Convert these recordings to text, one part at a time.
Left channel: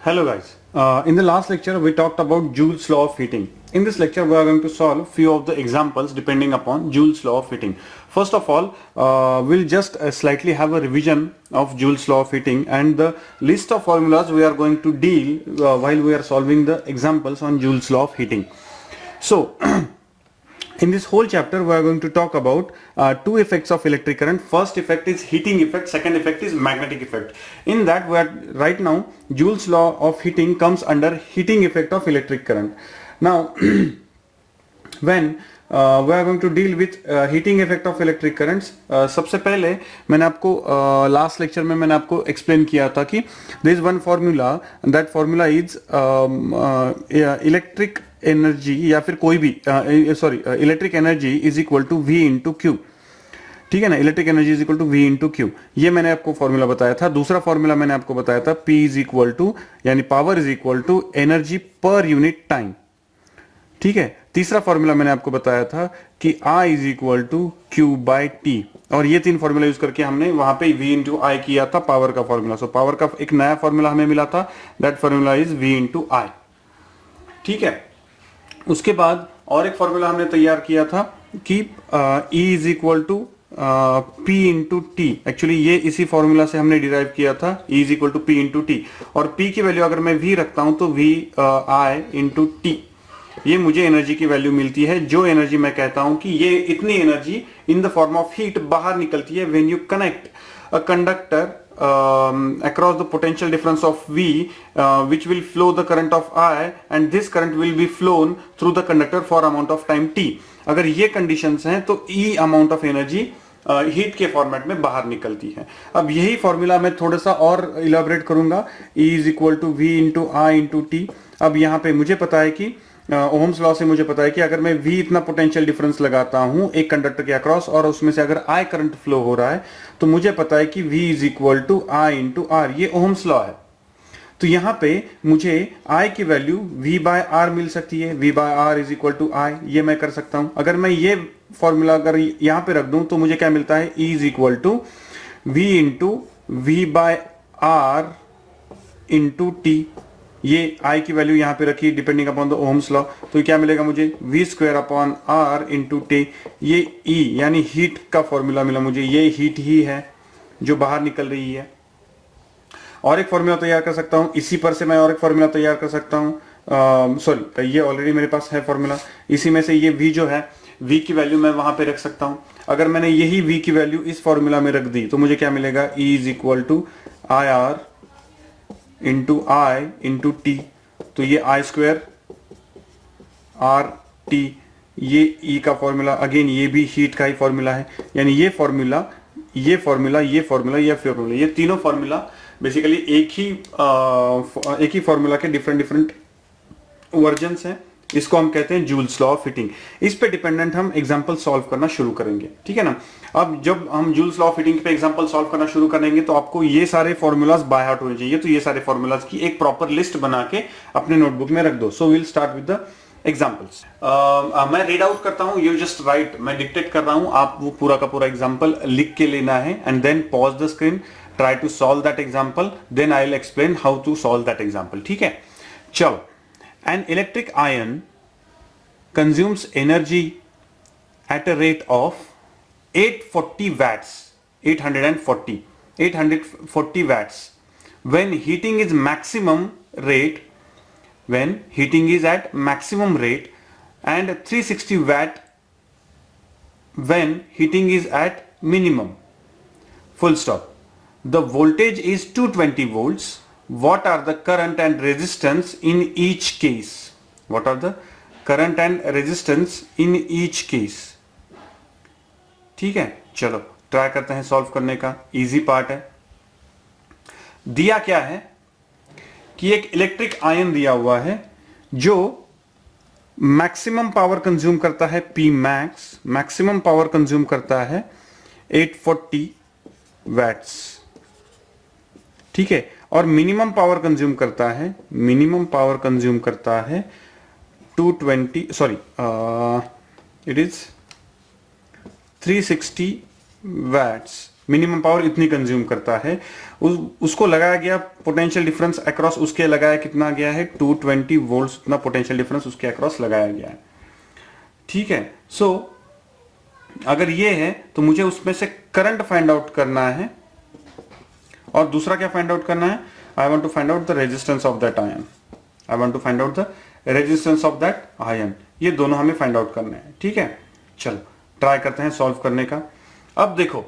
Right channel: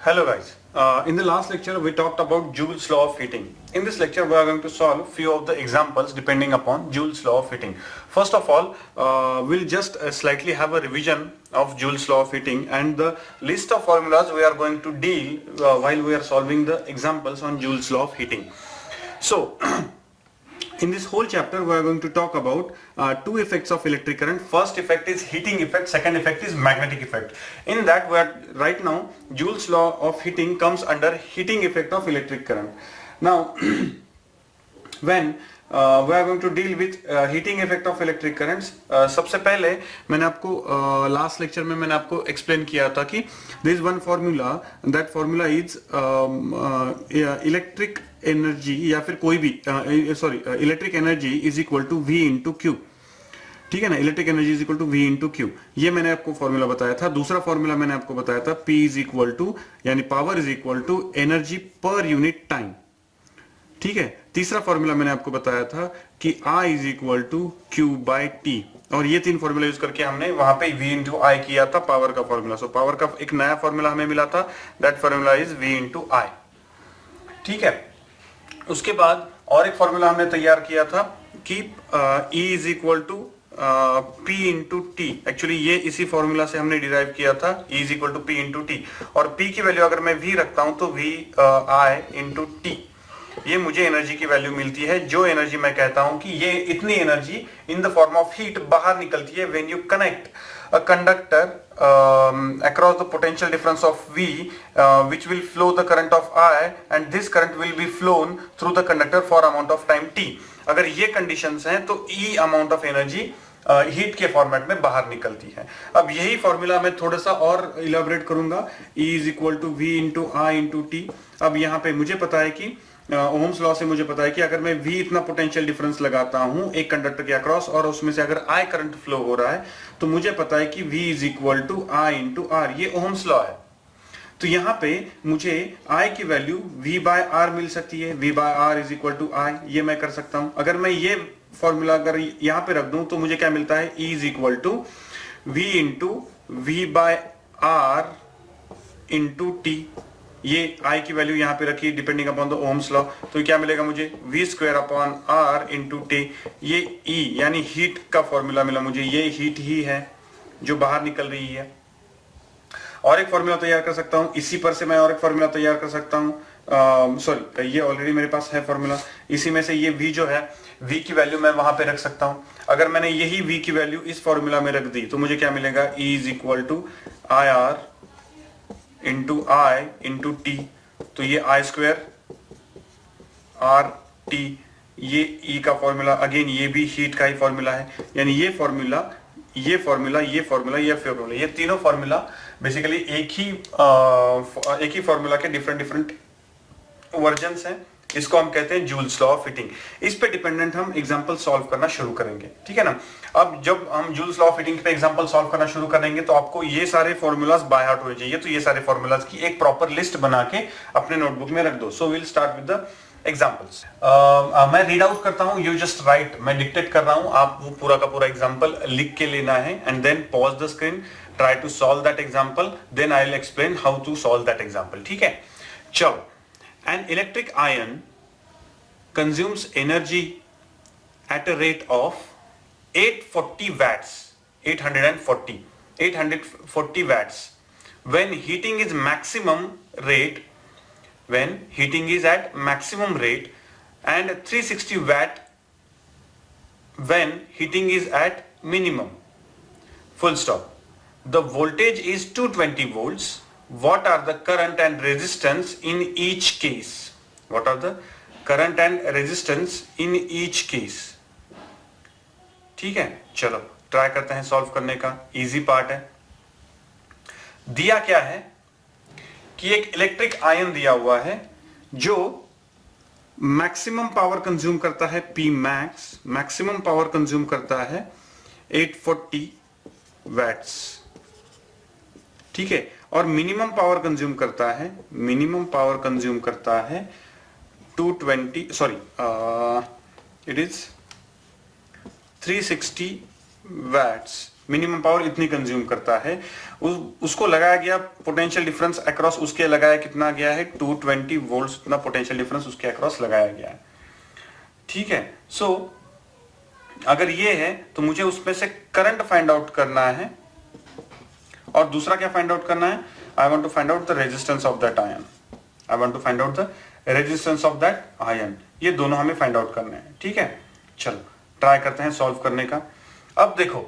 Hello guys. In the last lecture we talked about Joule's law of heating. In this lecture we are going to solve few of the examples depending upon Joule's law of heating. First of all, we'll just slightly have a revision of Joule's law of heating and the list of formulas we are going to deal while we are solving the examples on Joule's law of heating. So in this whole chapter we are going to talk about two effects of electric current. First effect is heating effect, second effect is magnetic effect. In that we are right now Joule's law of heating comes under heating effect of electric current. Now when we are going to deal with heating effect of electric currents, सबसे पहले मैंने आपको last lecture में मैंने आपको explain किया था कि there is one formula, that formula is electric energy या फिर कोई भी electric energy is equal to V into Q. ठीक है ना, electric energy is equal to V into Q. ये मैंने आपको फॉर्मूला बताया था. दूसरा फॉर्मूला मैंने आपको बताया था P इज इक्वल टू यानी power is equal to energy per unit time. ठीक है. तीसरा फॉर्मूला मैंने आपको बताया था कि I is equal to Q by T. और ये तीन फॉर्मूला यूज करके हमने वहां पे V इंटू आई किया था पावर का फॉर्मूला. सो पावर का एक नया फॉर्मूला हमें मिला था, that formula is V into I. ठीक है. उसके बाद और एक फॉर्मूला हमने तैयार किया था कि E is equal to P into T. Actually ये इसी फॉर्मूला से हमने डिराइव किया था, E is equal to P into T. और P की वैल्यू अगर मैं V रखता हूं तो V I इंटू टी. ये मुझे एनर्जी की वैल्यू मिलती है, जो एनर्जी मैं कहता हूं कि ये इतनी energy in the form of heat बाहर निकलती है when you connect a conductor across the potential difference of V, which will flow the current of I, and this current will be flown through the conductor for amount of time t. अगर ये conditions हैं तो E amount of energy heat के format में बाहर निकलती है. अब यही फॉर्मूला मैं थोड़ा सा और इलेबोरेट करूंगा. E is equal to V into I into T. अब यहाँ पे मुझे पता है कि ओम्स लॉ से मुझे पता है कि अगर मैं V इतना पोटेंशियल डिफरेंस लगाता हूं एक कंडक्टर के अक्रॉस और उसमें से अगर I करंट फ्लो हो रहा है तो मुझे पता है कि V is equal to I into R. ये ओम्स लॉ है. तो यहां पे मुझे I की वैल्यू V बाय आर मिल सकती है. V by R is equal to I. ये मैं कर सकता हूं. अगर मैं ये फॉर्मूला अगर यहां पे रख दूं तो मुझे क्या मिलता है, E is equal to V into V by R into T. ये I की वैल्यू यहां पे रखी depending upon the Ohm's law. तो क्या मिलेगा मुझे, V square upon R into T. ये E यानी हीट का फॉर्मूला मिला मुझे. ये हीट ही है जो बाहर निकल रही है. और एक फॉर्मूला तैयार कर सकता हूं इसी पर से. मैं और एक फॉर्मूला तैयार कर सकता हूं. सॉरी, ये ऑलरेडी मेरे पास है फॉर्मूला. इसी में से ये V जो है, V की वैल्यू मैं वहां पे रख सकता हूं. अगर मैंने यही V की वैल्यू इस फॉर्मूला में रख दी तो मुझे क्या मिलेगा, E is equal to I R into I into T. तो ये आई स्क्वायर आर टी. ये E का फॉर्मूला अगेन ये भी हीट का ही फॉर्मूला है. यानी ये फॉर्मूला, ये फॉर्मूला, ये फॉर्मूला, ये फॉर्मूला, ये तीनों फॉर्मूला बेसिकली एक ही फॉर्मूला के डिफरेंट वर्जन्स हैं. इसको हम कहते हैं जूल्स लॉ ऑफ हीटिंग. इस पे डिपेंडेंट हम एग्जांपल सॉल्व करना शुरू करेंगे. ठीक है ना. अब जब हम जूल्स लॉ ऑफ हीटिंग पे एग्जांपल सॉल्व करना शुरू करेंगे तो आपको ये सारे फॉर्मूलाज बाय हार्ट होने चाहिए. तो ये सारे फॉर्मूलाज की एक प्रॉपर लिस्ट बना के अपने नोटबुक में रख दो. So will start with the examples. मैं रीड आउट करता हूं, यू जस्ट राइट. मैं डिक्टेट कर रहा हूं, आप वो पूरा का पूरा एग्जांपल लिख के लेना है and then pause the screen, try to solve that example, then I will explain how to solve that example. ठीक है. चलो. An electric iron consumes energy at a rate of 840 watts, 840 watts when heating is at maximum rate, and 360 watt when heating is at minimum. Full stop. The voltage is 220 volts. What are the current and resistance in each case? What are the current and resistance in each case. ठीक है. चलो try करते हैं solve करने का. Easy part है. दिया क्या है कि एक इलेक्ट्रिक आयन दिया हुआ है जो मैक्सिमम पावर कंज्यूम करता है P max. Maximum power consume करता है 840 वैट्स. ठीक है. और मिनिमम पावर कंज्यूम करता है 220, sorry, it is 360 watts. Minimum power इतनी कंज्यूम करता है, उसको लगाया गया पोटेंशियल डिफरेंस अक्रॉस, उसके लगाया कितना गया है 220 वोल्ट, इतना पोटेंशियल डिफरेंस उसके अक्रॉस लगाया गया है। ठीक है, सो अगर ये है तो मुझे उसमें से करंट फाइंड आउट करना है, और दूसरा क्या फाइंड आउट करना है, I want to find out the resistance of that iron, I want to find out the resistance of that iron, ये दोनों हमें फाइंड आउट करना है। ठीक है, चलो ट्राई करते हैं सॉल्व करने का। अब देखो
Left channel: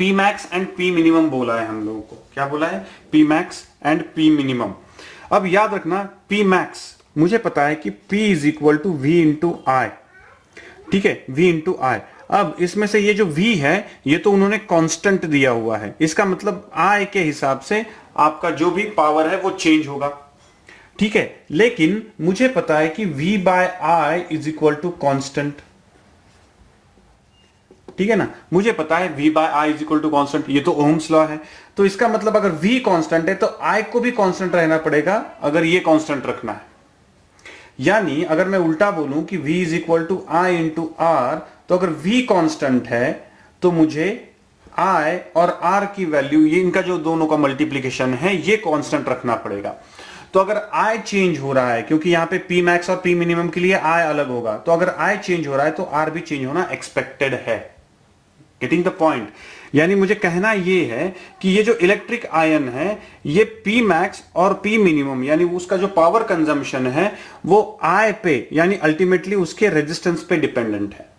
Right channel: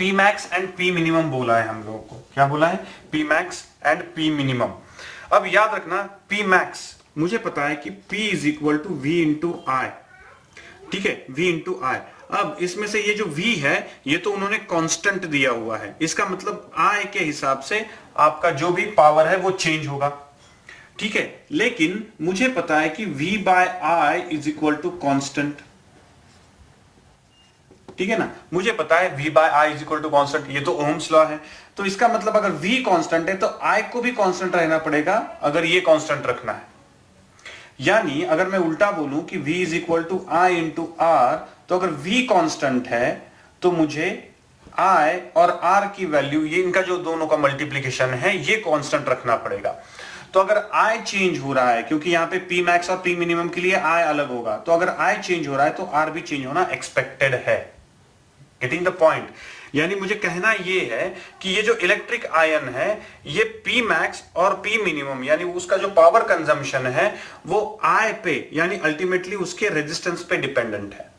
P max and P minimum बोला है हम लोगों को, क्या बोला है, P max and P minimum. अब याद रखना P मैक्स मुझे पता है कि P is equal to V into I, ठीक है, V इंटू आई। अब इसमें से ये जो V है ये तो उन्होंने कांस्टेंट दिया हुआ है, इसका मतलब I के हिसाब से आपका जो भी पावर है वो चेंज होगा। ठीक है, लेकिन मुझे पता है कि V by I is equal to constant. ठीक है ना, मुझे पता है V by I is equal to constant, ये तो ओम्स लॉ है। तो इसका मतलब अगर V कांस्टेंट है तो I को भी कांस्टेंट रहना पड़ेगा अगर ये कांस्टेंट रखना है। यानी अगर मैं उल्टा बोलूं कि V is equal to I into R, तो अगर V कांस्टेंट है तो मुझे I और R की वैल्यू, ये इनका जो दोनों का मल्टीप्लीकेशन है, ये कांस्टेंट रखना पड़ेगा। तो अगर I चेंज हो रहा है, क्योंकि यहां पे P मैक्स और P मिनिमम के लिए I अलग होगा, तो अगर I चेंज हो रहा है तो R भी चेंज होना एक्सपेक्टेड है। Getting the point? यानी मुझे कहना यह है कि ये जो इलेक्ट्रिक आयन है ये P मैक्स और P मिनिमम यानी उसका जो पावर कंजम्पशन है वो I पे यानी अल्टीमेटली उसके रेजिस्टेंस पे डिपेंडेंट है।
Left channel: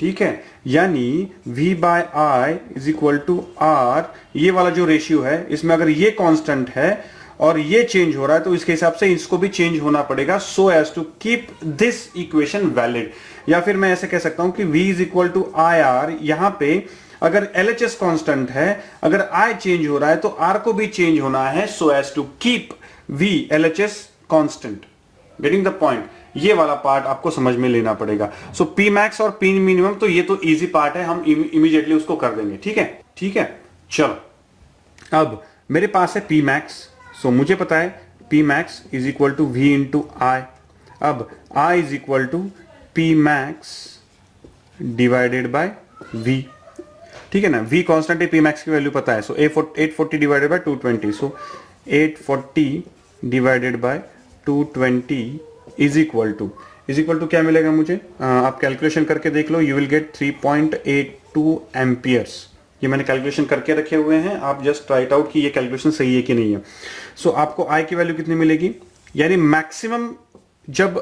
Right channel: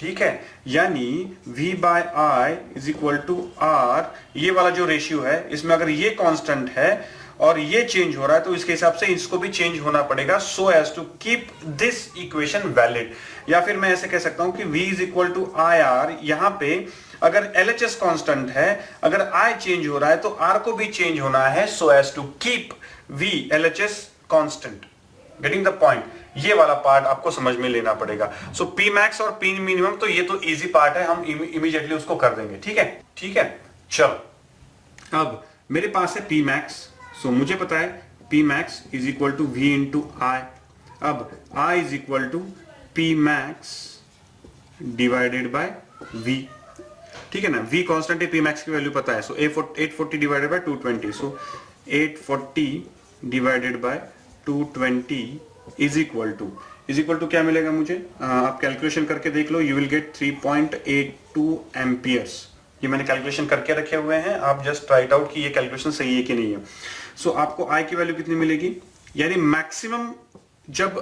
ठीक है, यानी V by I is equal to R, ये वाला जो रेशियो है इसमें अगर ये कांस्टेंट है और ये चेंज हो रहा है तो इसके हिसाब से इसको भी चेंज होना पड़ेगा, so as to keep this equation valid. या फिर मैं ऐसे कह सकता हूं कि V is equal to I R, यहां पे अगर LHS कांस्टेंट है, अगर I चेंज हो रहा है तो R को भी चेंज होना है, so as to keep V LHS constant. Getting the point? ये वाला पार्ट आपको समझ में लेना पड़ेगा। सो P मैक्स और P मिनिमम तो ये तो इजी पार्ट है, हम इमीडिएटली उसको कर देंगे। ठीक है, ठीक है, चलो अब मेरे पास है P मैक्स, सो मुझे पता है P max is equal to V into I. अब I is equal to P max divided by V। ठीक है ना, V कांस्टेंट है, P मैक्स की वैल्यू पता है, so 840 divided by 220, so 840 divided by 220 is equal to क्या मिलेगा मुझे, आप कैलकुलेशन करके देख लो, यू विल गेट 3.82 एम्पियर्स। ये मैंने कैलकुलेशन करके रखे हुए हैं, आप जस्ट ट्राई इट आउट कि ये कैलकुलेशन सही है कि नहीं है। सो आपको I की वैल्यू कितनी मिलेगी, यानी मैक्सिमम जब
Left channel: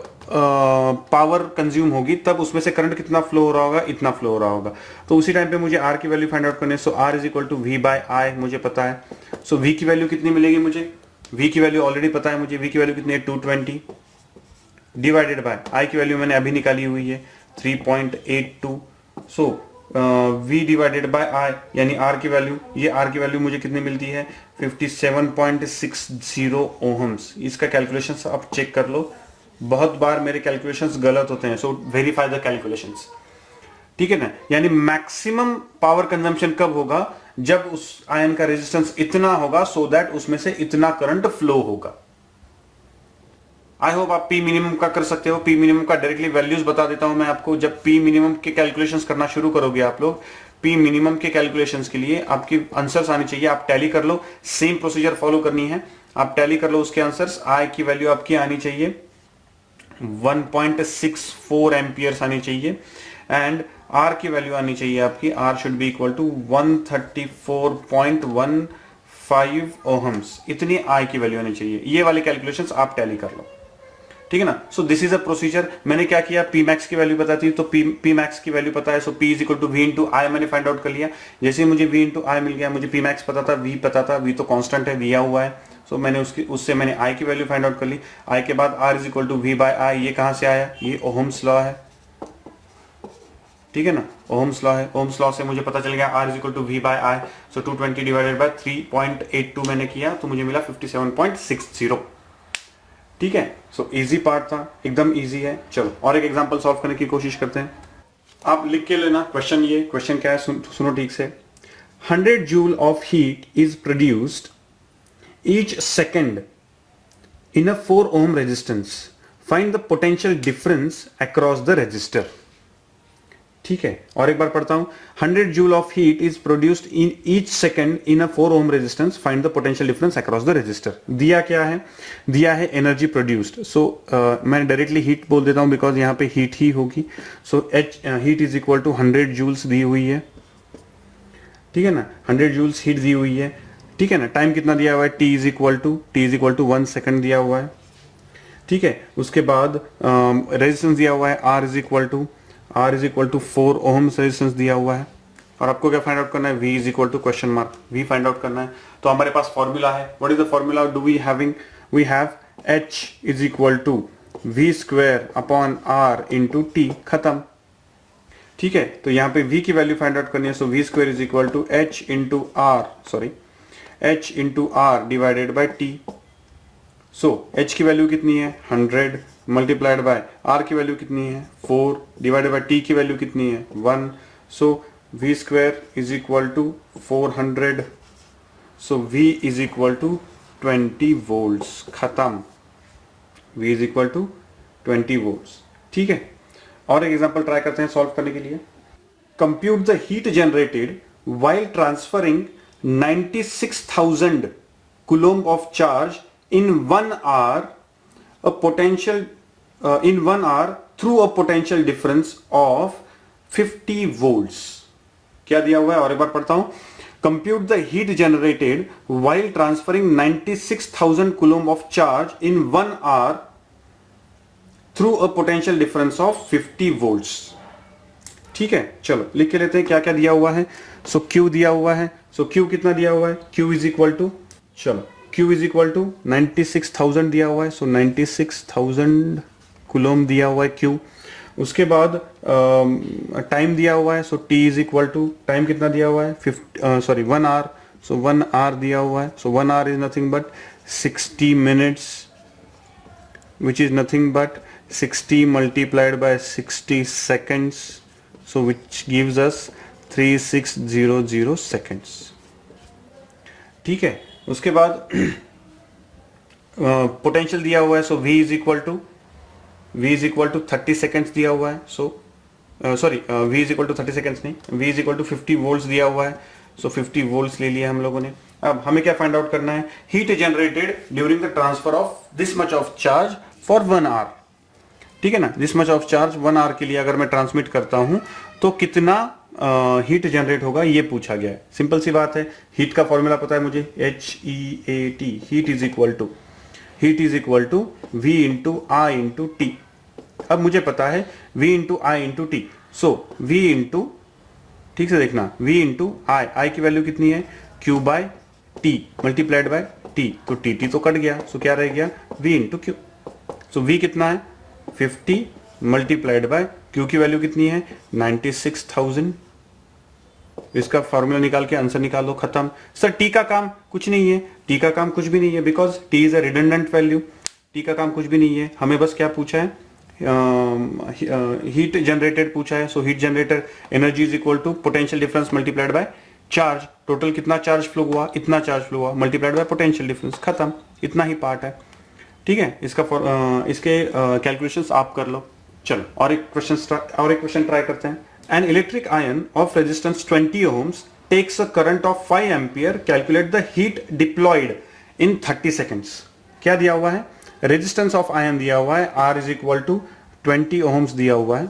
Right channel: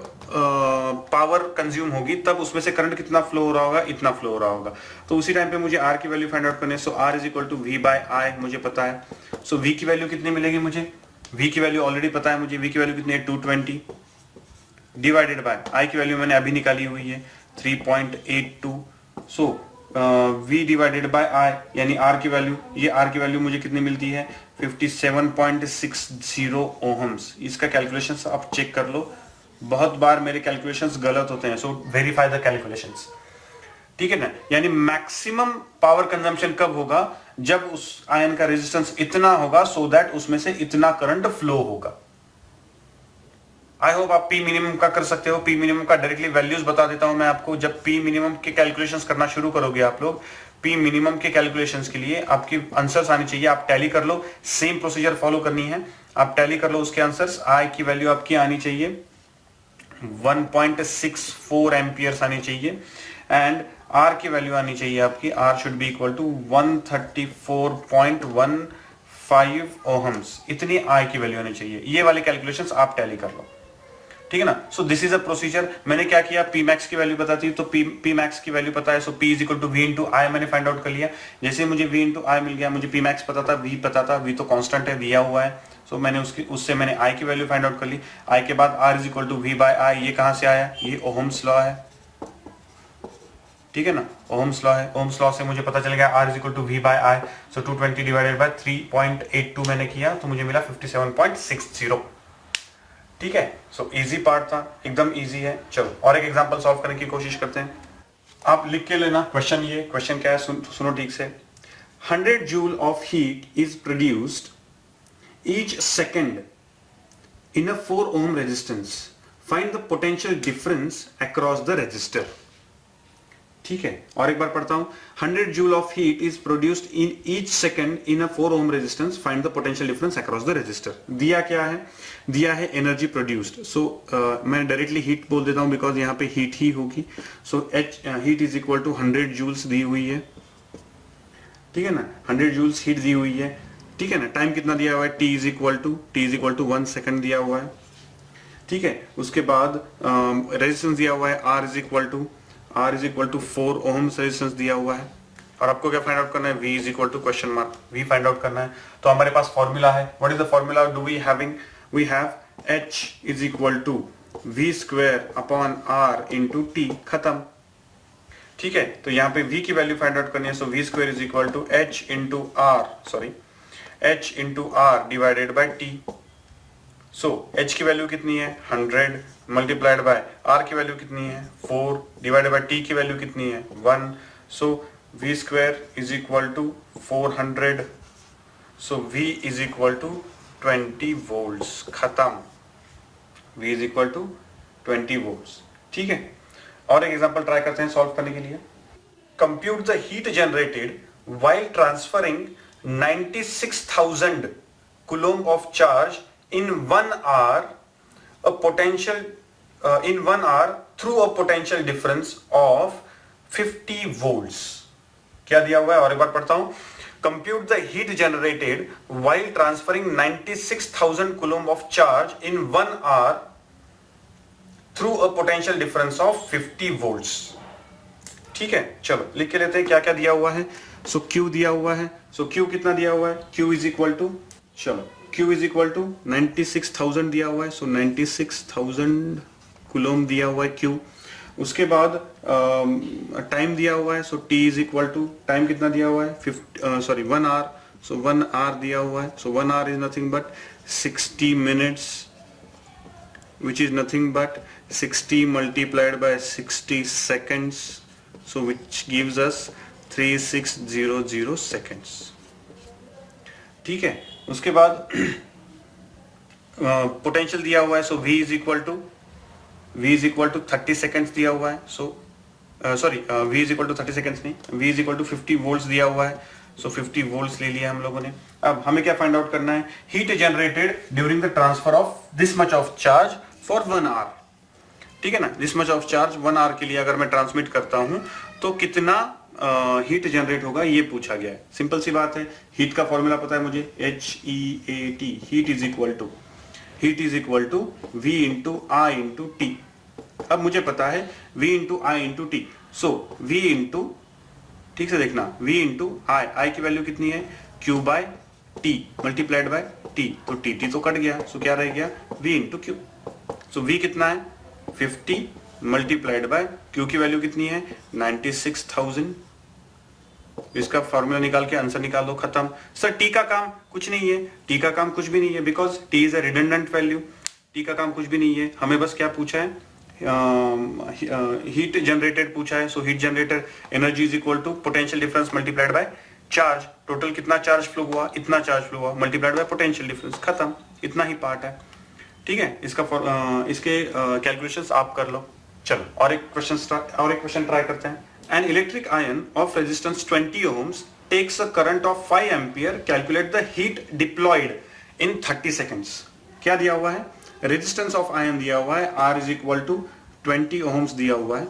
पावर कंज्यूम होगी तब उसमें से करंट कितना फ्लो हो रहा होगा, इतना फ्लो हो रहा होगा। तो उसी टाइम पे मुझे R की वैल्यू फाइंड आउट करनी है, so R is equal to V by I मुझे पता है। सो V की वैल्यू कितनी मिलेगी मुझे, V की वैल्यू ऑलरेडी पता है मुझे, V की वैल्यू कितनी है 220 डिवाइडेड बाय I की वैल्यू मैंने अभी निकाली हुई है 3.82, सो V डिवाइडेड बाय I यानी R की वैल्यू, ये R की वैल्यू मुझे कितनी मिलती है 57.60 ओहम्स। इसका कैलकुलेशन आप चेक कर लो, बहुत बार मेरे कैलकुलेशंस गलत होते हैं, सो वेरीफाई द कैलकुलेशंस। ठीक है ना, यानी मैक्सिमम पावर कंजम्पशन कब होगा, जब उस आयन का रेजिस्टेंस इतना होगा सो दैट उसमें से इतना करंट फ्लो होगा। आई होप आप P मिनिमम का कर सकते हो। P मिनिमम का डायरेक्टली वैल्यूज बता देता हूं मैं आपको। जब P मिनिमम के कैलकुलेशंस करना शुरू करोगे आप लोग, P मिनिमम के कैलकुलेशंस के लिए आपकी आंसर्स आनी चाहिए, आप टैली कर लो, सेम प्रोसीजर फॉलो करनी है, आप टैली कर लो उसके आंसर्स। I की वैल्यू आपकी आनी चाहिए 1.64 एम्पियर्स आनी चाहिए, एंड R की वैल्यू आनी चाहिए आपकी, R should be equal to 134.15 ohms, इतनी I की वैल्यू आनी चाहिए। ये वाली कैलकुलेशंस आप टैली कर लो, ठीक है ना। So this is a procedure. मैंने क्या किया, P मैक्स की वैल्यू पता थी तो P मैक्स की वैल्यू पता है, so P is equal to V into I मैंने फाइंड आउट कर लिया। जैसे ही मुझे V इंटू आई मिल गया, मुझे P मैक्स पता था, V पता था, V तो कांस्टेंट है, दिया हुआ है, सो मैंने उससे मैंने I की वैल्यू फाइंड आउट कर ली। I के बाद R is equal to V by I, ये कहां से आया, ये ओहम्स लॉ है, ठीक है ना, ओहम्स लॉ है। ओहम्स लॉ से मुझे पता चल गया R is equal to V by I, so 220 divided by 3.82 मैंने किया तो मुझे मिला 57.60। ठीक है, सो इजी पार्ट था, एकदम इजी है। चलो और एक एग्जांपल सॉल्व करने की कोशिश करते हैं। आप लिख के लेना क्वेश्चन, ये क्वेश्चन क्या है सुनो ठीक से। 100 joule of heat is produced each second in a 4 ohm resistance. Find the potential difference across the resistor. ठीक है, और एक बार पढ़ता हूं, 100 joule of heat is produced in each second in a 4 ohm resistance, find the potential difference across the resistor. दिया क्या है, दिया है एनर्जी प्रोड्यूस्ड। सो मैं डायरेक्टली हीट बोल देता हूं बिकॉज यहां पे हीट ही होगी। So H heat is equal to 100 joules दी हुई है, ठीक है ना, 100 जूल्स हीट दी हुई है, ठीक है ना। टाइम कितना दिया हुआ है, t is equal to 1 second दिया हुआ है, ठीक है। उसके बाद रेजिस्टेंस दिया हुआ है R is equal to 4 ohms resistance दिया हुआ है, और आपको क्या फाइंड आउट करना है, V is equal to question mark, V find out करना है। तो हमारे पास फॉर्मूला है, what is the formula do we having, we have H is equal to V square upon R into T, खत्म, ठीक है। तो यहाँ पे V की वैल्यू फाइंड आउट करनी है, so V square is equal to H into R divided by T। So H की वैल्यू कितनी है 100 मल्टीप्लाइड बाय R की वैल्यू कितनी है 4 डिवाइडेड बाय T की वैल्यू कितनी है 1। So V square is equal to 400, so V is equal to 20 volts, खत्म, V is equal to 20 volts, ठीक है। और एक एग्जांपल ट्राई करते हैं सॉल्व करने के लिए। Compute the heat generated while transferring 96,000 coulomb of charge in 1 hour through a potential difference of 50 volts। क्या दिया हुआ है, और एक बार पढ़ता हूं, compute the heat generated while transferring 96,000 coulomb of charge in 1 hour through a potential difference of 50 volts। ठीक है, चलो लिख के लेते हैं क्या क्या दिया हुआ है। सो Q दिया हुआ है, सो Q कितना दिया हुआ है, Q इज इक्वल टू, चलो Q इज इक्वल टू 96,000 दिया हुआ है, सो 96,000 कूलोम दिया हुआ है Q। उसके बाद टाइम दिया हुआ है, so T is equal to, time कितना दिया हुआ है 1 आवर, सो 1 आवर दिया हुआ है, so 1 hour is nothing but 60 minutes, which is nothing but 60 multiplied by 60 seconds, so which gives us 3600 seconds, ठीक है। उसके बाद पोटेंशियल दिया हुआ है, so V is equal to 30 seconds दिया हुआ है, so sorry V is equal to 30 seconds नहीं, V is equal to 50 volts दिया हुआ है, सो 50 वोल्ट्स ले लिया हम लोगों ने। अब हमें क्या फाइंड आउट करना है, heat generated during the transfer of this much of charge for 1 hour, ठीक है ना। This much of charge 1 hour के लिए अगर मैं ट्रांसमिट करता हूं तो कितना हीट जनरेट होगा, ये पूछा गया है। सिंपल सी बात है, हीट का फॉर्मूला पता है मुझे, HEAT, heat is equal to V into I into T। अब मुझे पता है V into I into T, so V into, ठीक से देखना, V इंटू I की वैल्यू कितनी है Q by T multiplied by T, तो T तो कट गया, सो क्या रह गया V into Q। So V कितना है 50 मल्टीप्लाइड बाय Q की वैल्यू कितनी है 96,000। इसका फॉर्मूला निकाल के आंसर निकाल दो, खत्म। सर टी का काम कुछ नहीं है, टी का काम कुछ भी नहीं है, because T is a redundant value, T का काम कुछ भी नहीं है। हमें बस क्या पूछा है, हीट जनरेटेड पूछा है, so heat generator energy is equal to potential difference multiplied by charge, total कितना चार्ज फ्लो हुआ, इतना चार्ज फ्लो हुआ, मल्टीप्लाइड बाय पोटेंशियल डिफरेंस, खत्म, इतना ही पार्ट है, ठीक है। इसके कैलकुलेशंस आप कर लो। चलो और एक क्वेश्चन ट्राई करते हैं। An electric iron of resistance 20 ohms takes a current of 5 ampere. Calculate the heat deployed in 30 seconds. क्या दिया हुआ है, रेजिस्टेंस ऑफ आयन दिया हुआ है, R is equal to 20 ohms दिया हुआ है,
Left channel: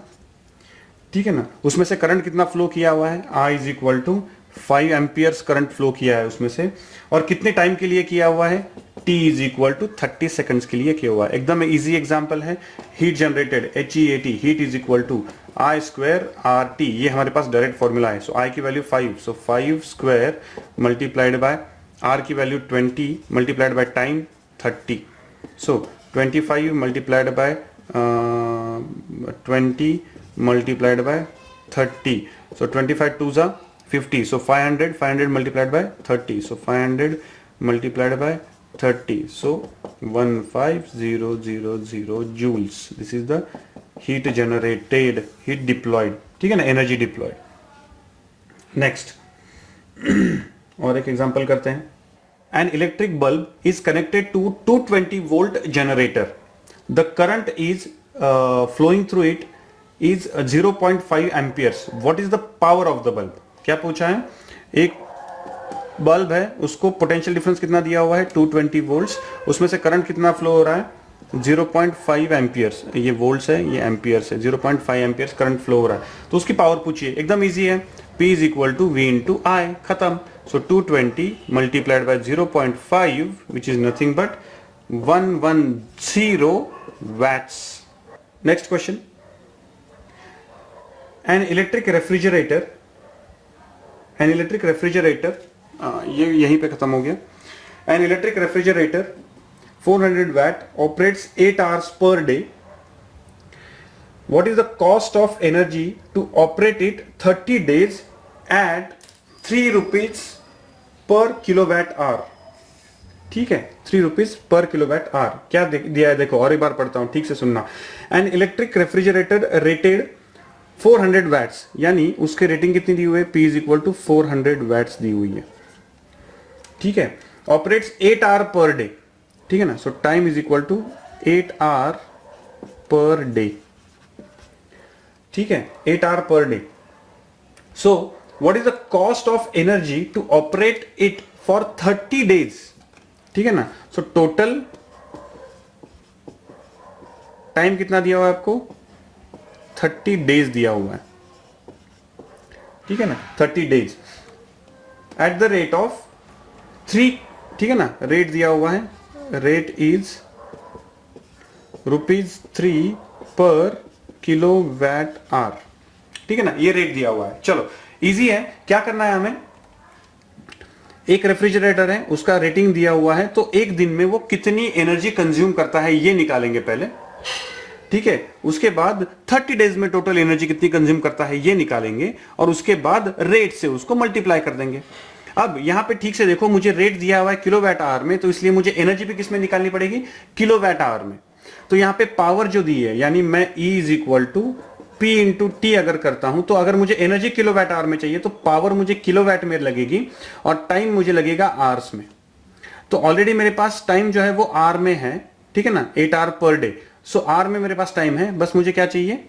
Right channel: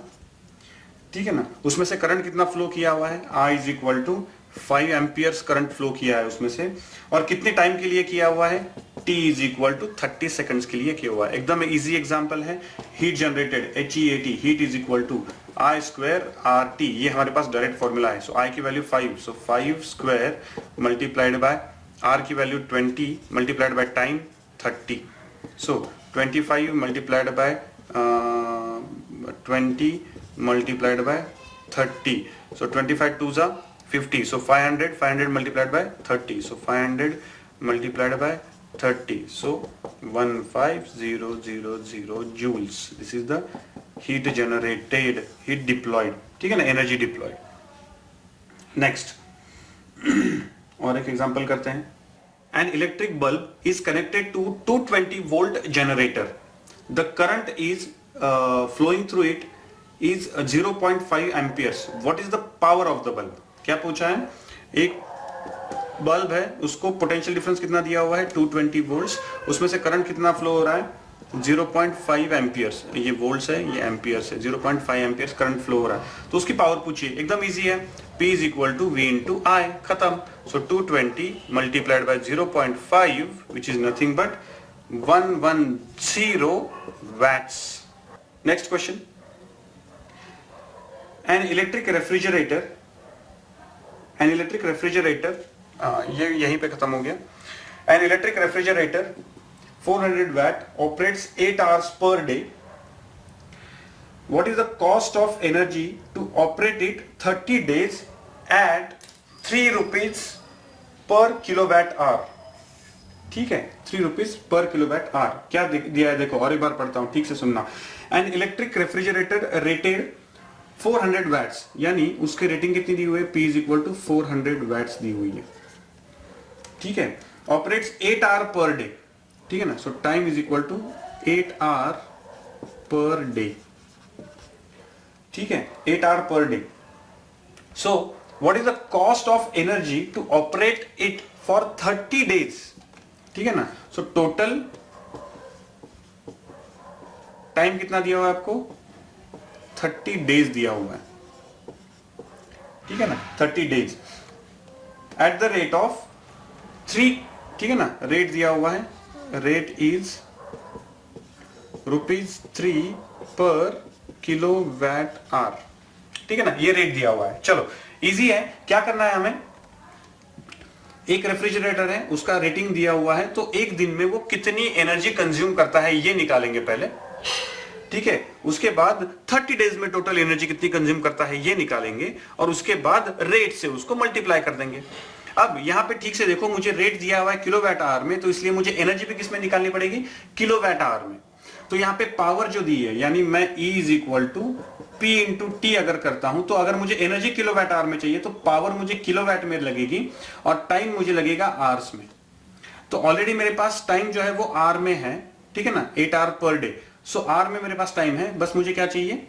ठीक है ना। उसमें से करंट कितना फ्लो किया हुआ है, I is equal to 5 amperes current flow किया है उसमें से, और कितने टाइम के लिए किया हुआ है, T is equal to 30 seconds के लिए किया हुआ है। एकदम इजी एग्जांपल है। Heat generated HEAT, heat is equal to I square RT, ये हमारे पास डायरेक्ट फॉर्मूला है। सो I की value 5, so 5 square multiplied by R की value 20 multiplied by time 30, so 25 multiplied by 20 multiplied by 30, so 25 2 जा 50, so 500 multiplied by 30, so 500 multiplied by 30, so 15000 joules. This is the heat generated, heat deployed, ठीक है ना, energy diploid. Next और एक example करते हैं। An electric bulb is connected to 220 volt generator. The current is flowing through it is 0.5 amperes, what is the power of the bulb? क्या पूछा है? एक बल्ब है, उसको पोटेंशियल डिफरेंस कितना दिया हुआ है 220 वोल्ट्स, उसमें से करंट कितना फ्लो हो रहा है 0.5 एम्पियर्स, ये वोल्ट्स है ये एम्पियर्स है, 0.5 एम्पियर्स करंट फ्लो हो रहा है, तो उसकी पावर पूछिए। एकदम इजी है, P is equal to V into I, खत्म। So 220 multiplied by 0.5 which is nothing but 110 watts. Next question, an electric refrigerator, ये यहीं पे खत्म हो गया। An electric refrigerator 400 watt operates 8 hours per day. What is the cost of energy to operate it 30 days at 3 rupees per kilowatt hour? ठीक है, 3 rupees per kilowatt hour। क्या दिया है देखो, और एक बार पढ़ता हूं, ठीक से सुनना। N electric refrigerator rated 400 watts, यानी उसके रेटिंग कितनी दी हुई है? P is equal to 400 watts दी हुई है, ठीक है। ऑपरेट्स 8 आवर पर डे, ठीक है ना। So time is equal to 8 hour per day, ठीक है, 8 hour per day. So what is the cost of energy to operate it for 30 days, ठीक है ना। सो टोटल टाइम कितना दिया हुआ है आपको? 30 डेज दिया हुआ है, ठीक है ना, 30 days at the rate of 3, ठीक है ना। रेट दिया हुआ है, रेट इज ₹3 पर किलोवाट आवर, ठीक है ना, ये रेट दिया हुआ है। चलो इजी है, क्या करना है हमें? एक रेफ्रिजरेटर है, उसका रेटिंग दिया हुआ है, तो एक दिन में वो कितनी एनर्जी कंज्यूम करता है ये निकालेंगे पहले, ठीक है। उसके बाद 30 डेज में टोटल एनर्जी कितनी कंज्यूम करता है ये निकालेंगे, और उसके बाद रेट से उसको मल्टीप्लाई कर देंगे। अब यहां पे ठीक से देखो, मुझे रेट दिया हुआ है किलोवाट आवर में, तो इसलिए मुझे एनर्जी भी किस में निकालनी पड़ेगी? किलोवाट आवर में। तो यहां पे पावर जो दी है, यानी मैं E is equal to P into T अगर करता हूं, तो अगर मुझे एनर्जी किलोवाट आवर में चाहिए तो पावर मुझे किलोवाट में लगेगी और टाइम मुझे लगेगा आवर्स में। तो ऑलरेडी मेरे पास टाइम जो है वो आर में है, ठीक है ना, 8 hour per day. So are में मेरे पास टाइम है, बस मुझे क्या चाहिए?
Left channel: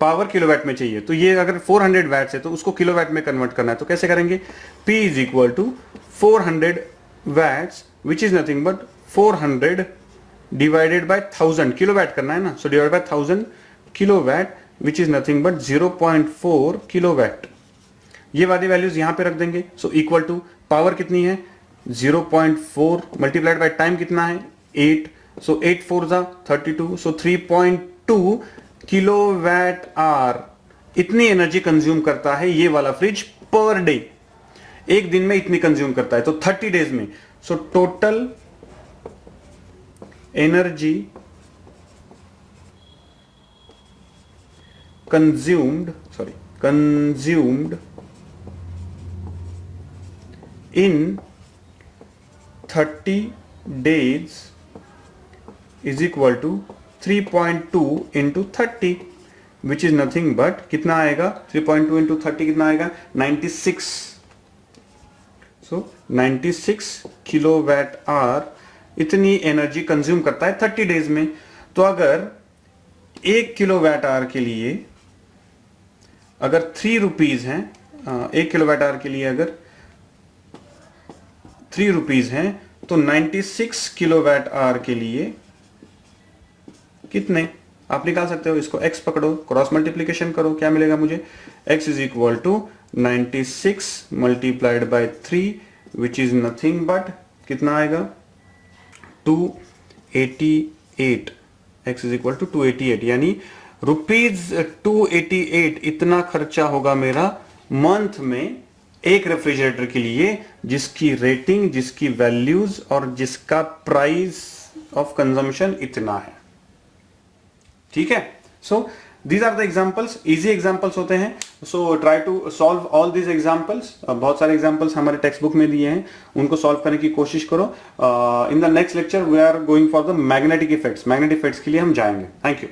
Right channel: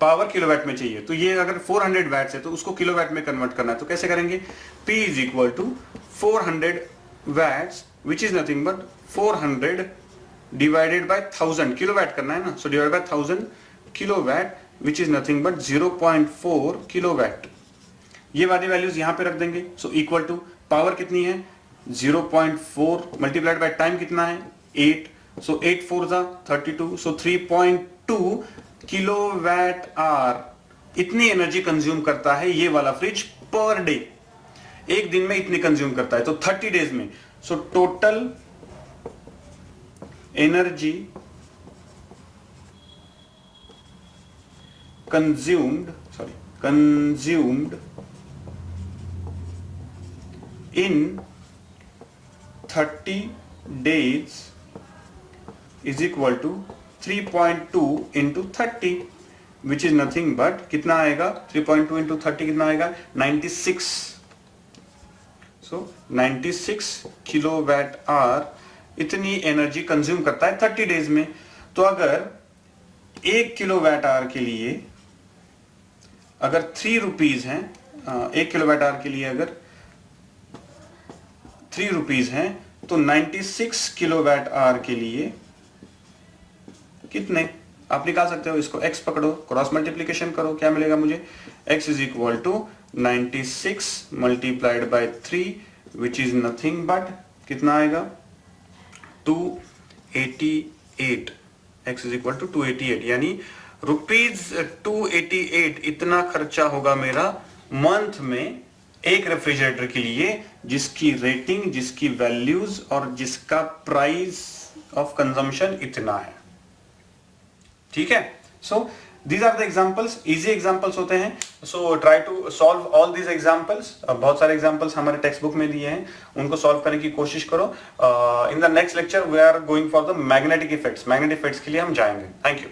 पावर किलोवाट में चाहिए। तो ये अगर 400 वैट्स है तो उसको किलोवाट में कन्वर्ट करना है, तो कैसे करेंगे? P is equal to 400 watts which is nothing but 400 divided by 1000, kilowatt करना है ना। So divide by 1000 kilowatt which is nothing but 0.4 kilowatt. ये वाली वैल्यूज यहां पे रख देंगे। सो इक्वल टू पावर कितनी है? 0.4 मल्टीप्लाइड बाय टाइम कितना है? 8। सो 8 4 जा 32, सो 3.2 किलोवाट आवर इतनी एनर्जी कंज्यूम करता है ये वाला फ्रिज पर डे, एक दिन में इतनी कंज्यूम करता है, तो 30 डेज में। So total energy consumed in 30 days is equal to 3.2 into 30 which is nothing but कितना आएगा? 3.2 इंटू 30 कितना आएगा? 96। सो 96 किलोवाट आवर इतनी एनर्जी कंज्यूम करता है 30 डेज में। तो अगर 1 किलोवाट आवर के लिए अगर 3 रुपीज है, 1 किलोवाट आवर के लिए अगर 3 रुपीज है, तो 96 किलोवाट आवर के लिए कितने? आप निकाल सकते हो इसको, x पकड़ो, क्रॉस मल्टीप्लीकेशन करो, क्या मिलेगा मुझे? x is equal to 96 multiplied by 3 which is nothing but कितना आएगा? 288। x इज इक्वल टू 288, यानी ₹288 इतना खर्चा होगा मेरा मंथ में एक रेफ्रिजरेटर के लिए, जिसकी रेटिंग, जिसकी वैल्यूज और जिसका प्राइस ऑफ कंजम्पशन इतना है, ठीक है। So these are the examples, easy examples होते हैं। So try to solve all these examples. बहुत सारे एग्जाम्पल्स हमारे टेक्स्ट बुक में दिए हैं, उनको सॉल्व करने की कोशिश करो। In the next lecture we are going for the magnetic effects. Magnetic effects के लिए हम जाएंगे। Thank you.